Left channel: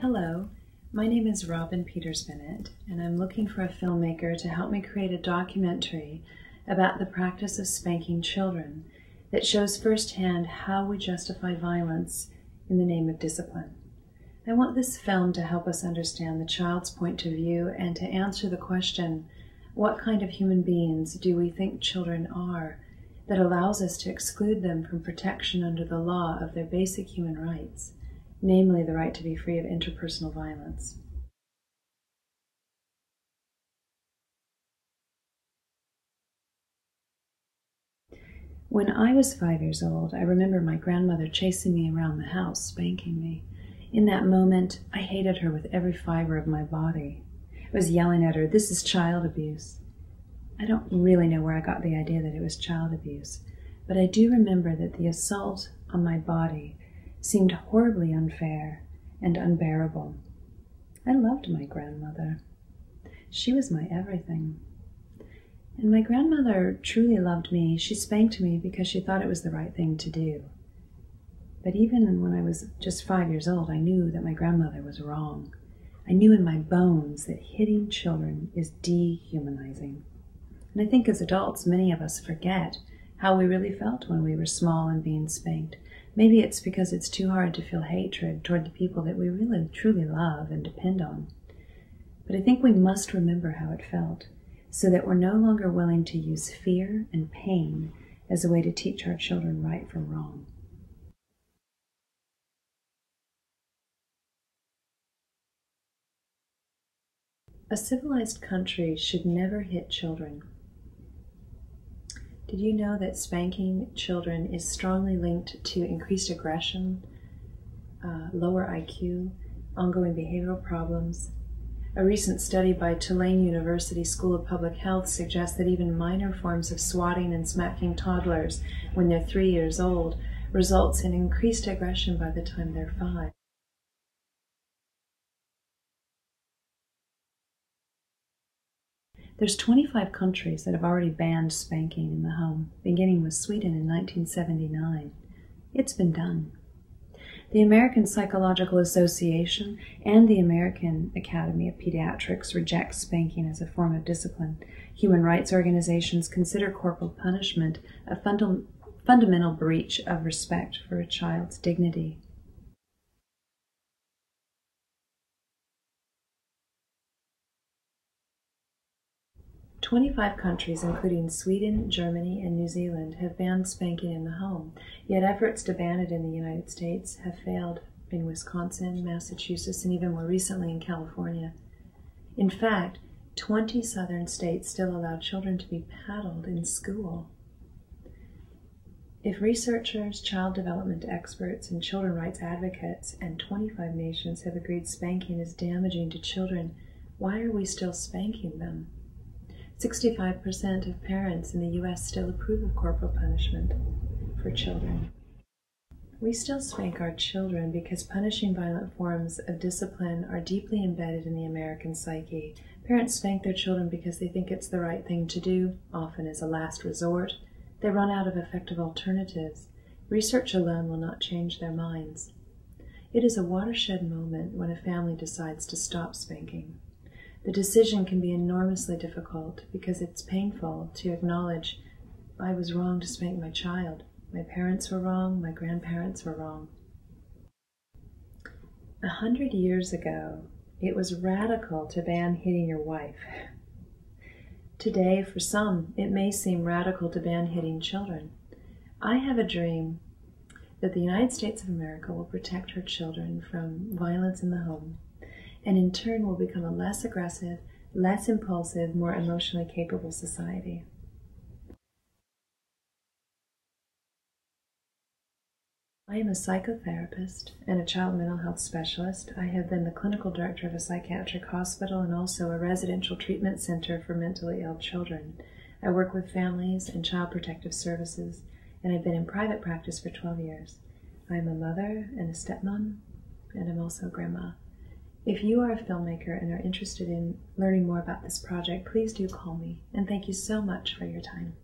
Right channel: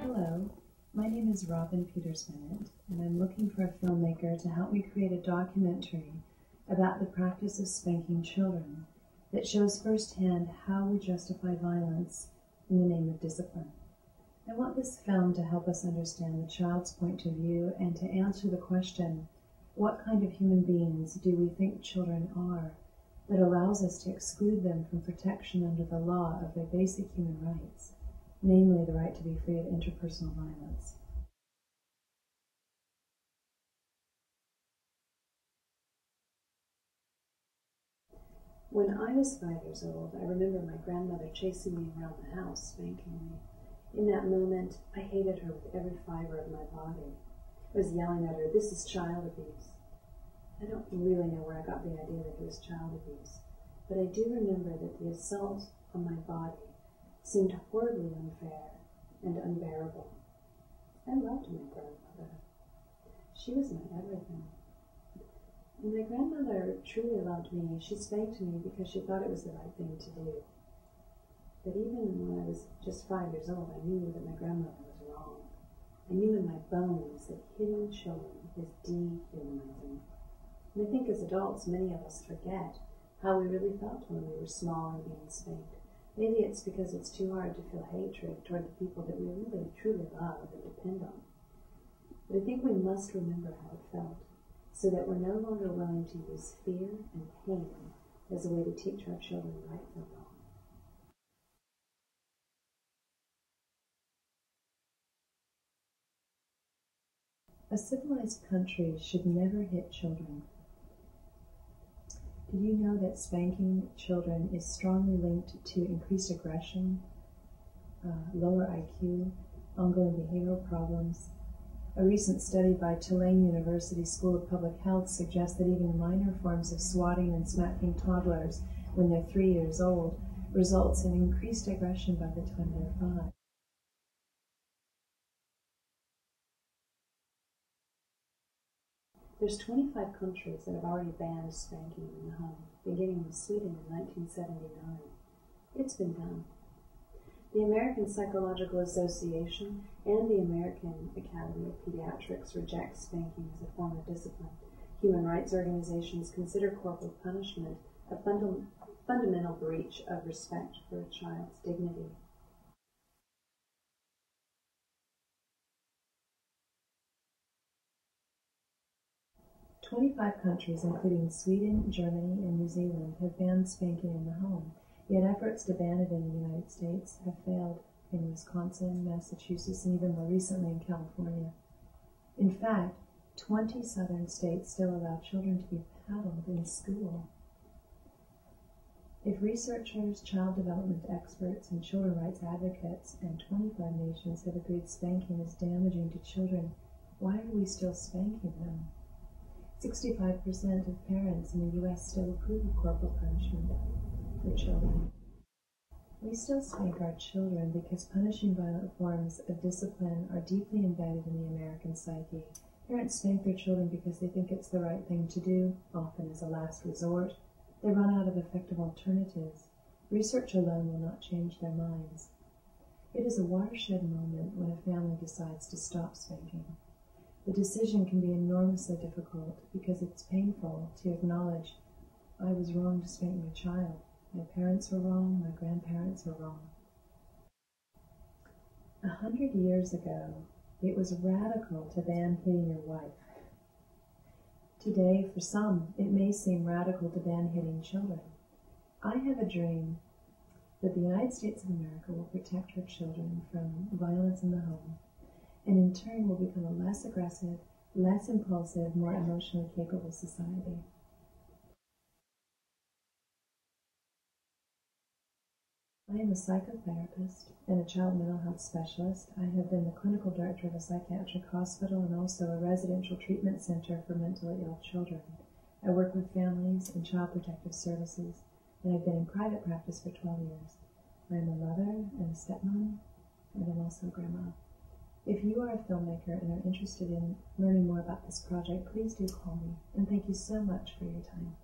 Hello, my name is Robbyn Peters Bennett, and I'm looking for a filmmaker to help me create a documentary about the practice of spanking children that shows firsthand how we justify violence in the name of discipline. I want this film to help us understand the child's point of view and to answer the question, what kind of human beings do we think children are that allows us to exclude them from protection under the law of their basic human rights, namely the right to be free of interpersonal violence. When I was 5 years old, I remember my grandmother chasing me around the house, spanking me. In that moment, I hated her with every fiber of my body. I was yelling at her, "This is child abuse." I don't really know where I got the idea that it was child abuse, but I do remember that the assault on my body seemed horribly unfair and unbearable. I loved my grandmother. She was my everything. And my grandmother truly loved me. She spanked me because she thought it was the right thing to do. But even when I was just 5 years old, I knew that my grandmother was wrong. I knew in my bones that hitting children is dehumanizing. And I think as adults, many of us forget how we really felt when we were small and being spanked. Maybe it's because it's too hard to feel hatred toward the people that we really, truly love and depend on. But I think we must remember how it felt, so that we're no longer willing to use fear and pain as a way to teach our children right from wrong. A civilized country should never hit children. Did you know that spanking children is strongly linked to increased aggression, lower IQ, ongoing behavioral problems? A recent study by Tulane University School of Public Health suggests that even minor forms of swatting and smacking toddlers when they're 3 years old results in increased aggression by the time they're 5. There's 25 countries that have already banned spanking in the home, beginning with Sweden in 1979. It's been done. The American Psychological Association and the American Academy of Pediatrics reject spanking as a form of discipline. Human rights organizations consider corporal punishment a fundamental breach of respect for a child's dignity. "25 countries, including Sweden, Germany, and New Zealand, have banned spanking in the home, yet efforts to ban it in the United States have failed in Wisconsin, Massachusetts, and even more recently in California. In fact, 20 southern states still allow children to be paddled in school. If researchers, child development experts, and children rights advocates and 25 nations have agreed spanking is damaging to children, why are we still spanking them? 65% of parents in the U.S. still approve of corporal punishment for children. We still spank our children because punishing violent forms of discipline are deeply embedded in the American psyche. Parents spank their children because they think it's the right thing to do, often as a last resort. They run out of effective alternatives. Research alone will not change their minds. It is a watershed moment when a family decides to stop spanking. The decision can be enormously difficult because it's painful to acknowledge, I was wrong to spank my child. My parents were wrong, my grandparents were wrong. 100 years ago, it was radical to ban hitting your wife. Today, for some, it may seem radical to ban hitting children. I have a dream that the United States of America will protect her children from violence in the home, and in turn will become a less aggressive, less impulsive, more emotionally capable society. I am a psychotherapist and a child mental health specialist. I have been the clinical director of a psychiatric hospital and also a residential treatment center for mentally ill children. I work with families and child protective services, and I've been in private practice for 12 years. I am a mother and a stepmom, and I'm also a grandma. If you are a filmmaker and are interested in learning more about this project, please do call me, and thank you so much for your time.